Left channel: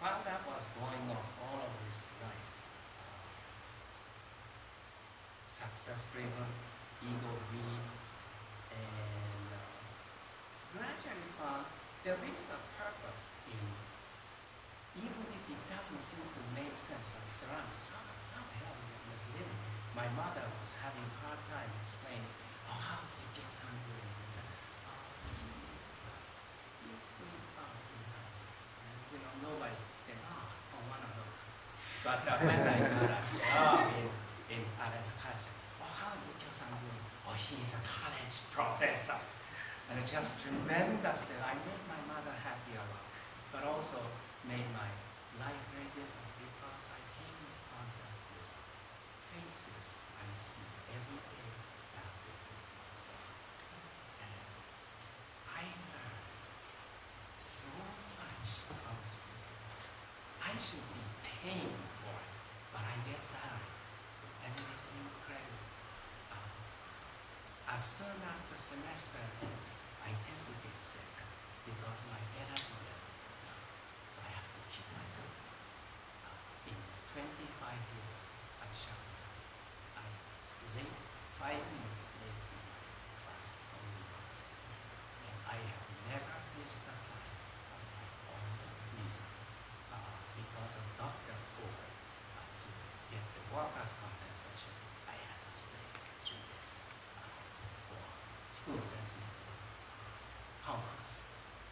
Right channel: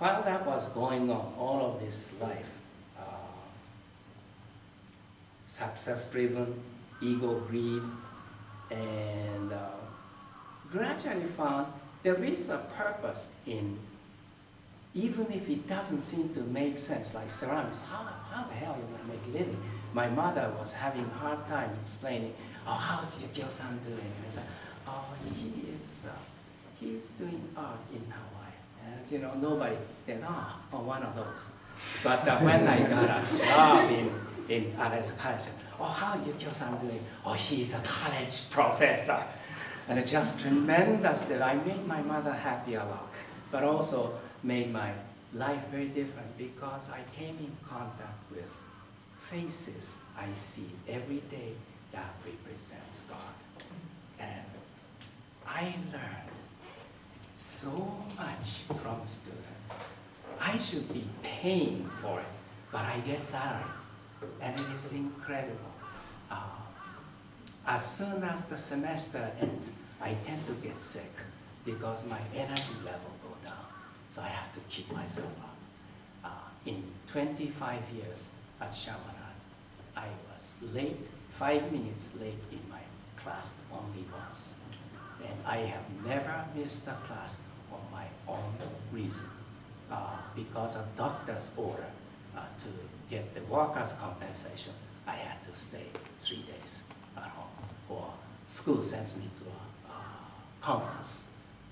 while that was going on, all of this life, success-driven, ego, greed, and gradually found there is a purpose in, even if it doesn't seem to make sense, like ceramics, how the hell you want to make a living? My mother was having a hard time explaining, oh, how's Yukio-san doing? I said, oh, he's doing art in Hawaii. And you know, nobody says, oh, one of those. But when I got a job in college, oh, how Yukio-san doing? Oh, he's a college professor. And it's just tremendous that I made my mother happy a lot, but also made my life very different because I came in contact with faces I see every day that represents God. And I learned so much from students. I should be paying for it, but I get salary, and it is incredible. As soon as the semester ends, I tend to get sick because my energy level goes down. So I have to keep myself up. In 25 years at Chaminade, I was late, 5 minutes late in my class only once. And I have never missed a class on my own reason. Because of doctor's order to get the workers' compensation, I had to stay 3 days at home. Or school sends me to a conference,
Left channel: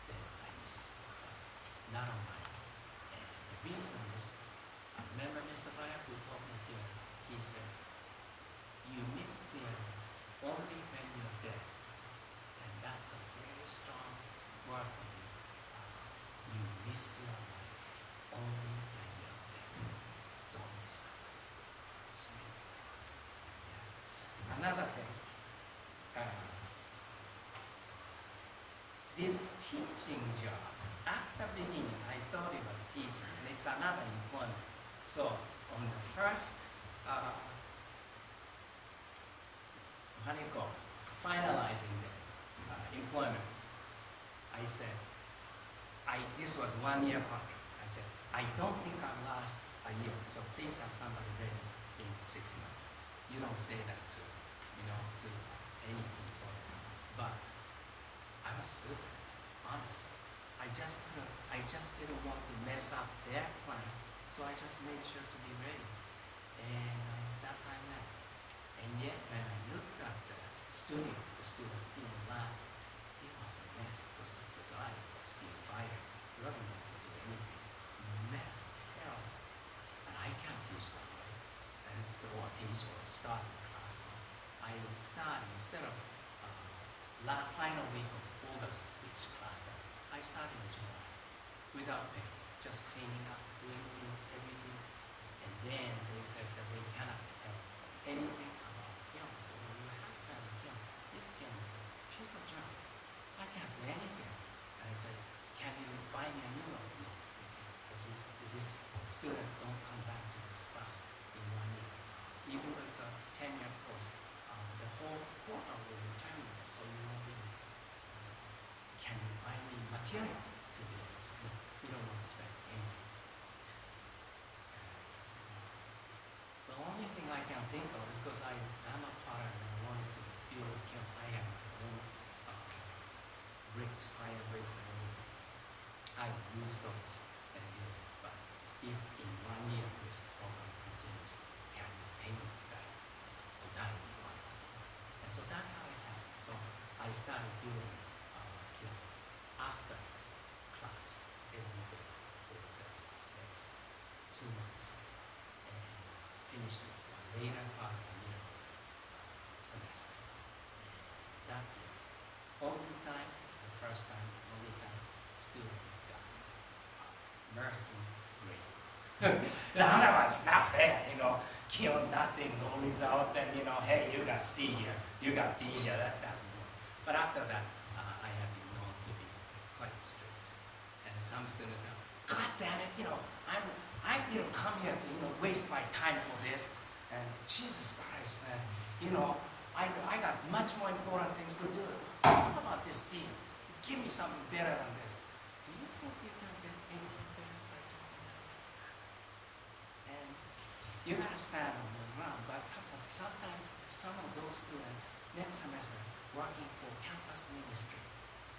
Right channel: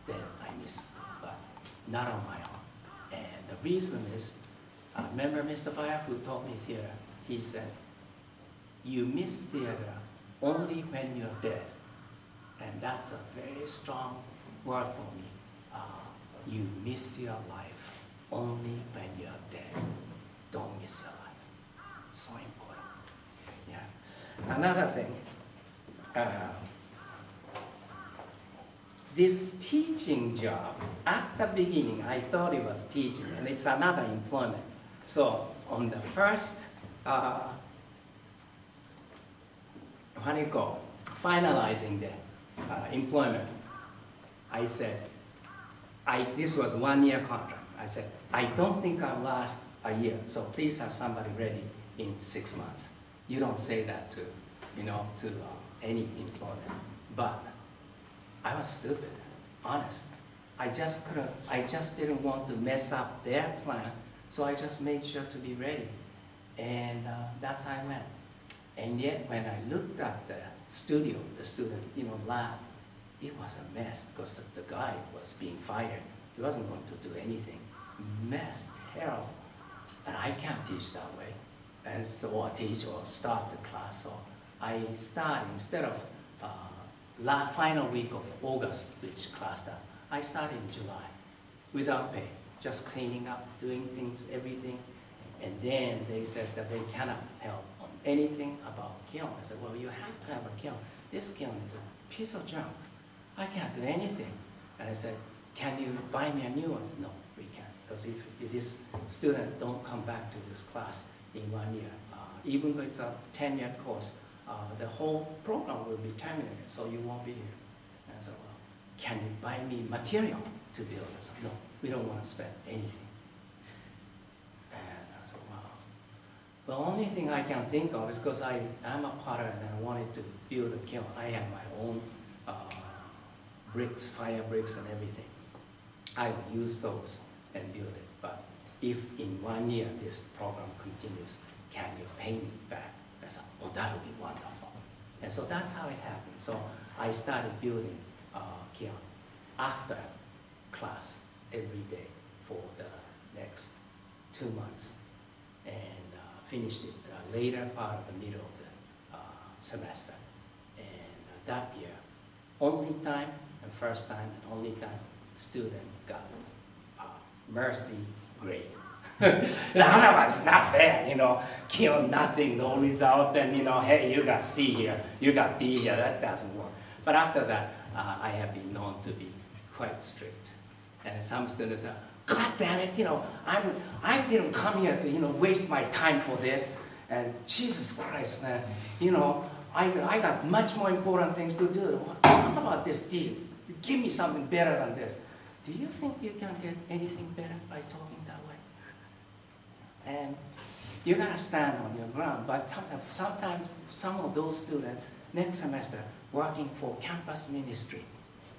then I miss, but not on my own. And the reason is, remember Mr. Fire who taught me theater? He said, you miss theater only when you're dead. And that's a very strong word for me. You miss your life only when you're dead. Don't miss your life. It's so important. Yeah. Another thing. This teaching job, at the beginning, I thought it was teaching, and it's another employment. So on the first, what do you call it? Finalizing the employment, I said, this was 1 year contract. I said, I don't think I'll last a year, so please have somebody ready in 6 months. You don't say that to, any employer. But I was stupid, honest. I just didn't want to mess up their plan, so I just made sure to be ready. And that's how I went. And yet, when I looked at the studio, the student, lab, it was a mess because the guy was being fired. He wasn't going to do anything. Mess, terrible. And I can't teach that way. And so I teach or start the class. So I start, instead of final week of August, which class does, I started in July without pay, just cleaning up, doing things, everything. And then they said that they cannot help on anything about kiln. I said, well, you have to have a kiln. This kiln is a piece of junk. I can't do anything. And I said, can you buy me a new one? No, we can't. Because if this student don't come back to this class in 1 year, even though it's a 10-year course, the whole program will be terminated, so you won't be here. And I said, well, can you buy me material to build this? No, we don't want to spend anything. And I said, wow. The only thing I can think of is because I'm a potter and I wanted to build a kiln. I have my own bricks, fire bricks and everything. I will use those and build it. But if in 1 year this program continues, can you pay me back? I said, oh, that would be wonderful. And so that's how it happened. So I started building kiln after class every day for the next 2 months, and finished it later part of the middle of the semester. And that year, only time, the first time, only time, student got mercy grade. Otherwise, not fair, kill nothing, no result, and hey, you got C here, you got D here, that doesn't work. But after that, I have been known to be quite strict. And some students say, God damn it, I didn't come here to, waste my time for this. And Jesus Christ, man, I got much more important things to do. How about this deal? Give me something better than this. Do you think you can get anything better by talking And you gotta stand on your ground. But sometimes some of those students next semester working for campus ministry.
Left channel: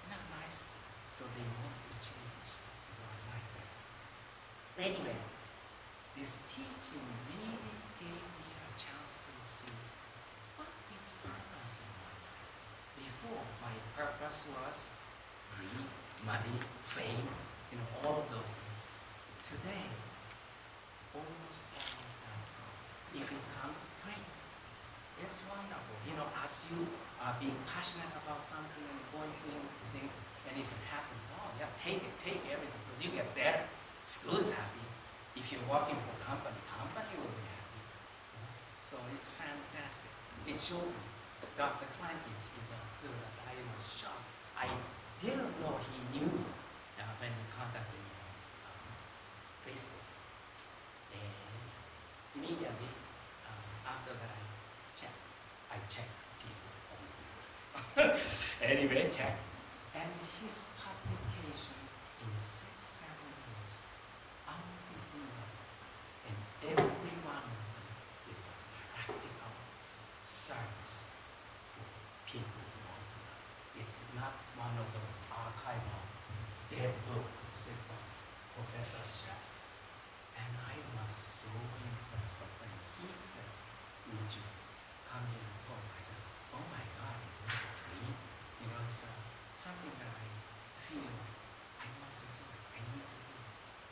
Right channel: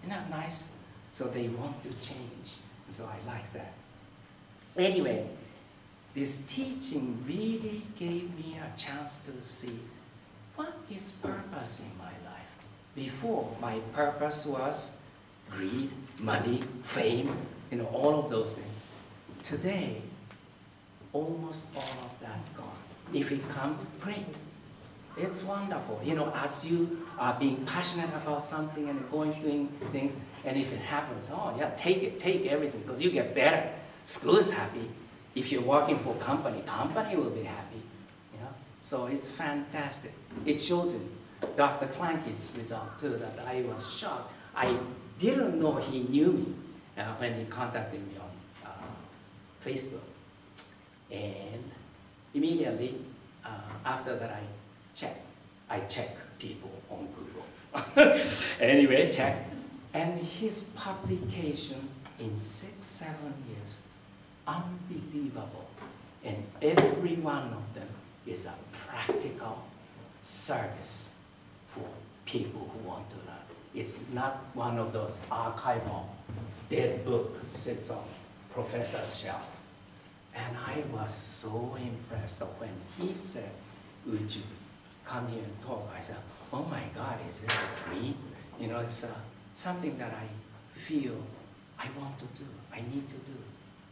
Isn't that nice? So they want to change. So I like that. Anyway, this teaching really gave me a chance to see what is purpose in my life. Before, my purpose was greed, money, fame, all of those things. Today, almost all of that's gone. If it comes, great. It's wonderful. As you are being passionate about something and going doing things, and if it happens, oh yeah, take it, take everything, because you get better. School is happy. If you're working for company will be happy. So it's fantastic. It shows in Dr. Clankie's result too that I was shocked. I didn't know he knew me when he contacted me on Facebook. And immediately after that I check people on Google. Anyway, check. And his publication in 6-7 years, unbelievable. And every one of them is a practical service for people who want to learn. It's not one of those archival dead book sits on professor's shelf. And I was so impressed when he said, would you come here and talk? I said, oh my God, is this a dream? It's something that I feel I want to do, I need to do,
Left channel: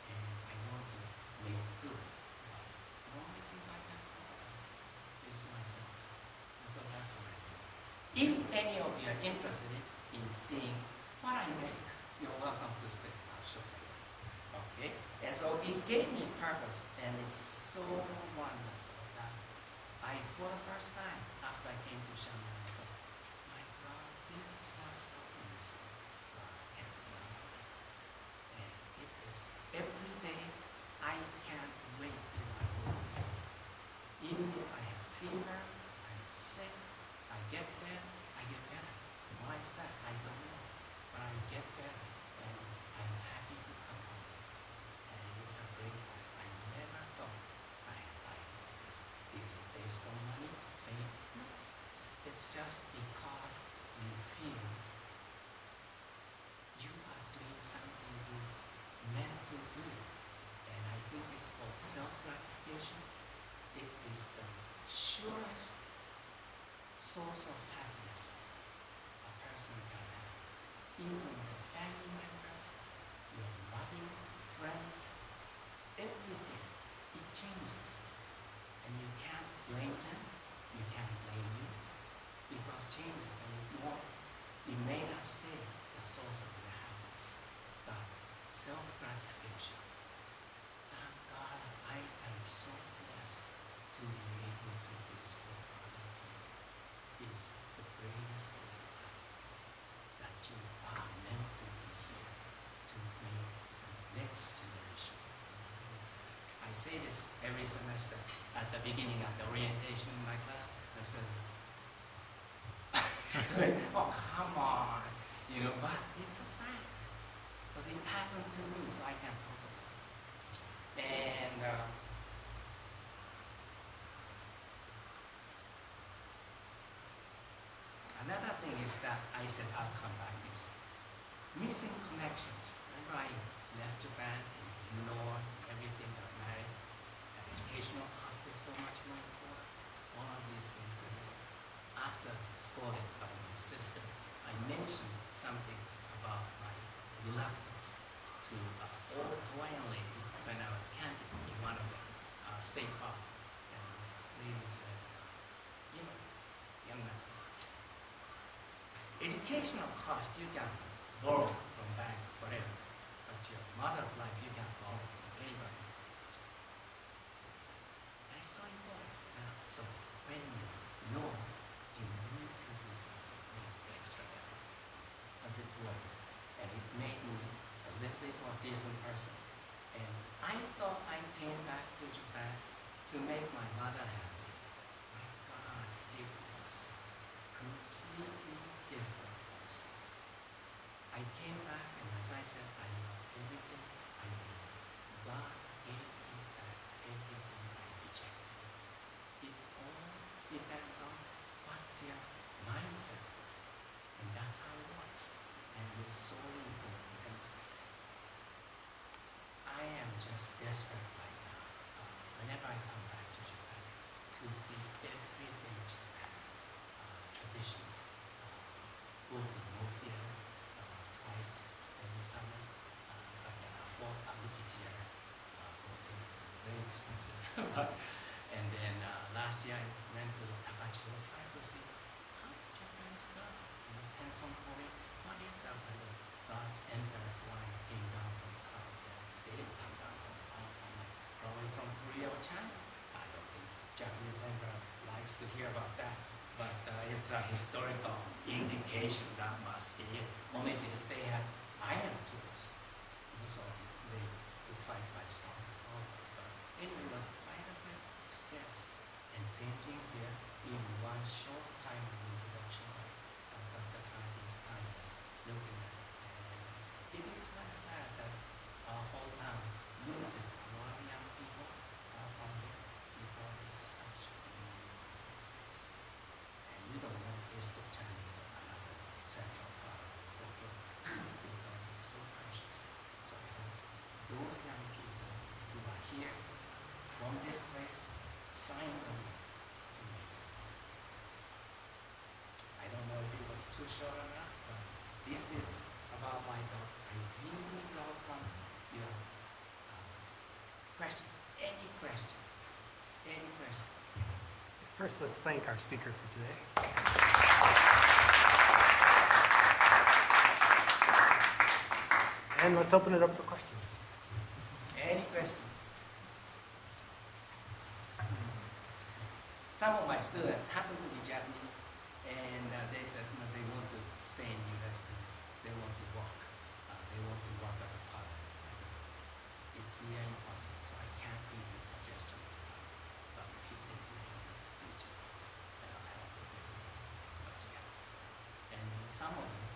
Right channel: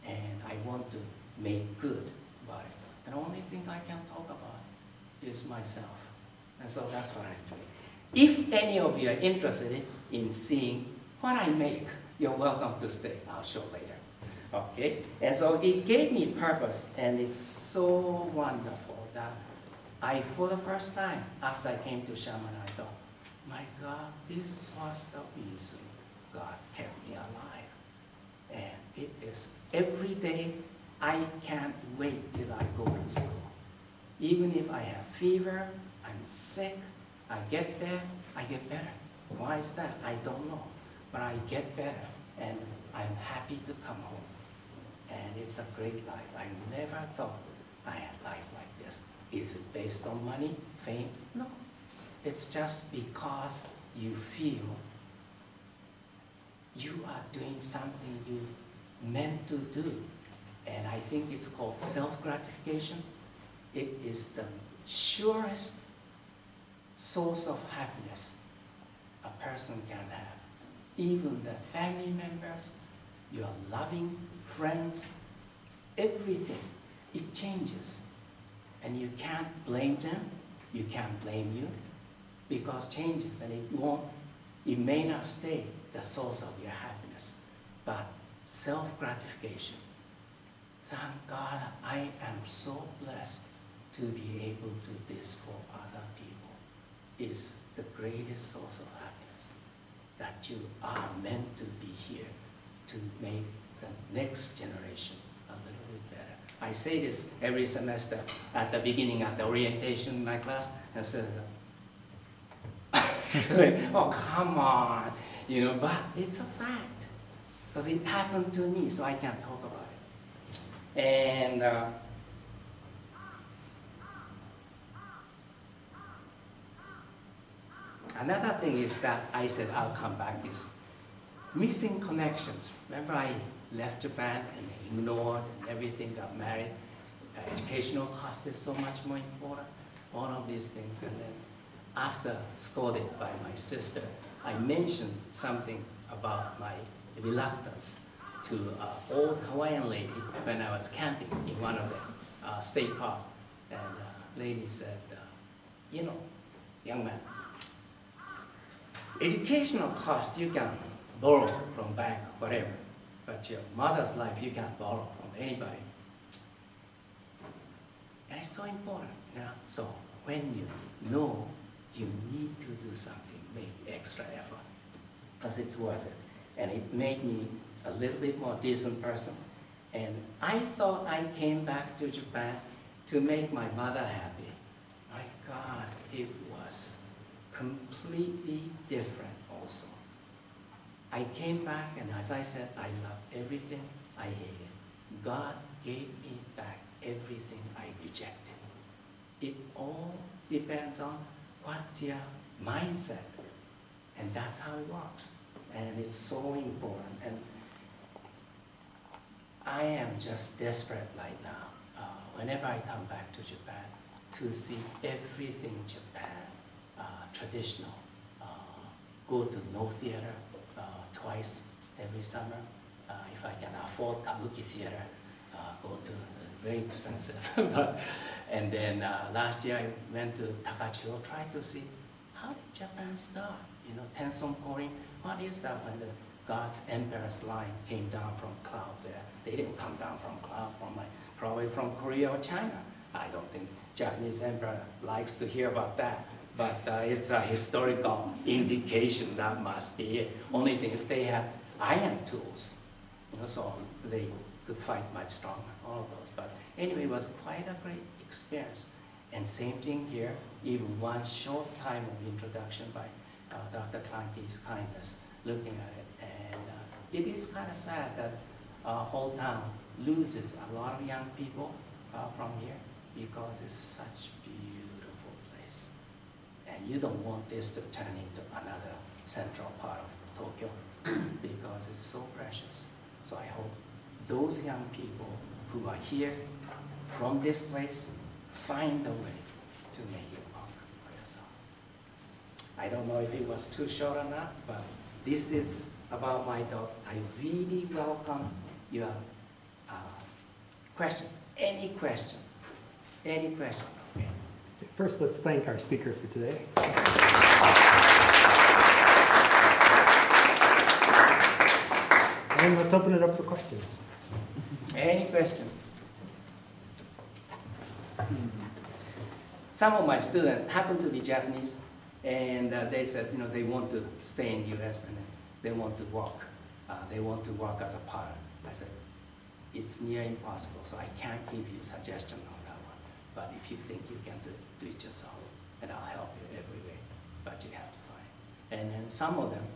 and I want to make good by it. And the only thing I can talk about is myself. And so that's what I do. If any of you are interested in seeing what I make, you're welcome to stay. I'll show later. Okay? And so it gave me purpose, and it's so wonderful that I, for the first time, after I came to Shaman, I thought, my God, this was the reason God kept me alive. And it is every day, I can't wait till I go to school. Even if I have fever, I'm sick, I get there, I get better. Why is that? I don't know. But I get better, and I'm happy to come home. And it's a great life. I never thought I had life like this. Is it based on money, fame? No. It's just because you feel you are doing something you meant to do. And I think it's called self-gratification. It is the surest source of happiness a person can have. Even the family members, your loving friends, everything, it changes. And you can't blame them, you can't blame you, because changes, and it may not stay the source of your happiness, but self-gratification. Thank God I am so blessed to be able to do this for other people. Is the greatest source of happiness, that you are meant to be here to make the next generation a little bit better. I say this every semester at the beginning of the orientation in my class, and said, oh, come on, but it's a fact, because it happened to me, so I can talk about it. And another thing is that I said I'll come back is missing connections. Remember I left Japan and ignored everything, got married. Educational cost is so much more important. All of these things. And then after scolded by my sister, I mentioned something about my reluctance to an old Hawaiian lady when I was camping in one of the state parks. And the lady said, young man, educational cost you can borrow from bank, whatever, but your mother's life you can't borrow from anybody. And it's so important. So when you know you need to do something, make extra effort, because it's worth it. And it made me a little bit more decent person. And I thought I came back to Japan to make my mother happy. My God, it was completely different also. I came back, and as I said, I love everything I hated. God gave me back everything I rejected. It all depends on what's your mindset. And that's how it works. And it's so important. And I am just desperate right now, whenever I come back to Japan, to see everything Japan, traditional. Go to no theater twice every summer. If I can afford kabuki theater, go to very expensive. And then last year I went to Takachiho, try to see how did Japan start. You know, Tenson Korin, what is that when the God's Emperor's line came down from cloud there? They didn't come down from cloud, probably from Korea or China. I don't think Japanese emperor likes to hear about that, but it's a historical indication that must be it. Only thing, if they had iron tools, you know, so they could fight much stronger, all of those. But anyway, it was quite a great experience. And same thing here, even one short time of introduction by Dr. Clankie's kindness, looking at it. And it is kind of sad that whole town loses a lot of young people from here because it's such a beautiful place. And you don't want this to turn into another central part of Tokyo because it's so precious. So I hope those young people who are here from this place find a way to make it work for yourself. I don't know if it was too short or not, but this is about my dog. I really welcome your question. Any question? Any question? Okay. First, let's thank our speaker for today. And let's open it up for questions. Any question? Some of my students happen to be Japanese, and they said, you know, they want to stay in U.S. and they want to work. They want to work as a pilot. I said, it's near impossible, so I can't give you a suggestion on that. But if you think you can do it yourself, and I'll help you every way. But you have to find. And then some of them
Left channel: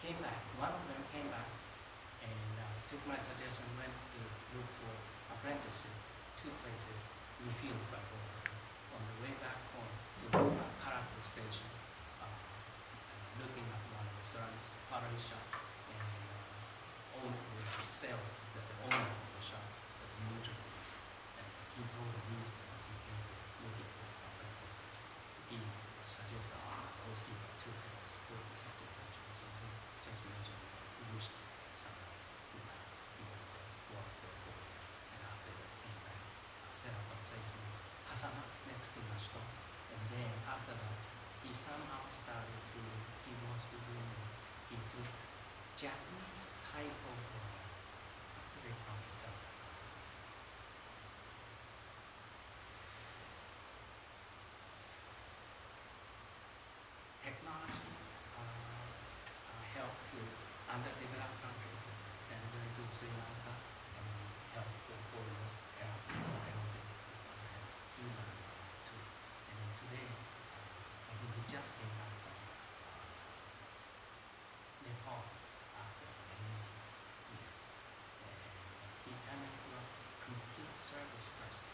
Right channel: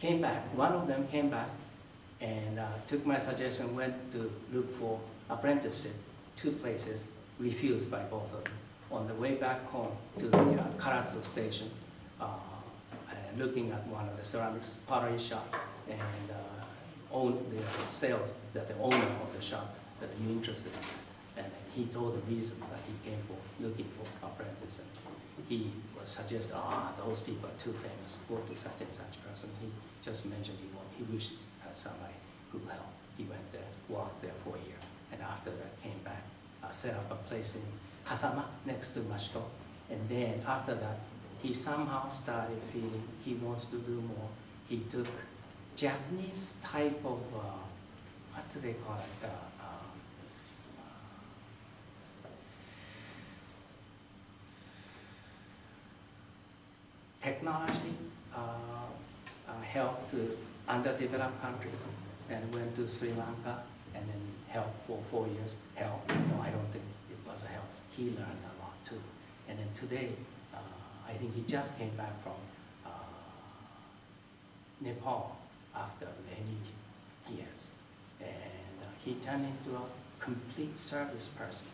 came back. One of them came back and took my suggestion, went to look for apprenticeship, 2 places, refused by both of them. On the way back home to the Karatsu station, looking at one of the ceramics pottery shop and own the sales that the owner of the shop that are you interested in. And he told the reason that he came for looking for apprentice. He was suggested, those people are too famous, go to such and such person. He just mentioned he wished somebody who helped. He went there, worked there for a year, and after that came back, set up a place in Kasama next to Mashito. And then after that, he somehow started feeling he wants to do more. He took Japanese type of, what do they call it? Technology help to underdeveloped countries, and went to Sri Lanka and then helped for 4 years. Help? No, I don't think it was a help. He learned a lot too. And then today, I think he just came back from Nepal after many years. And he turned into a complete service person.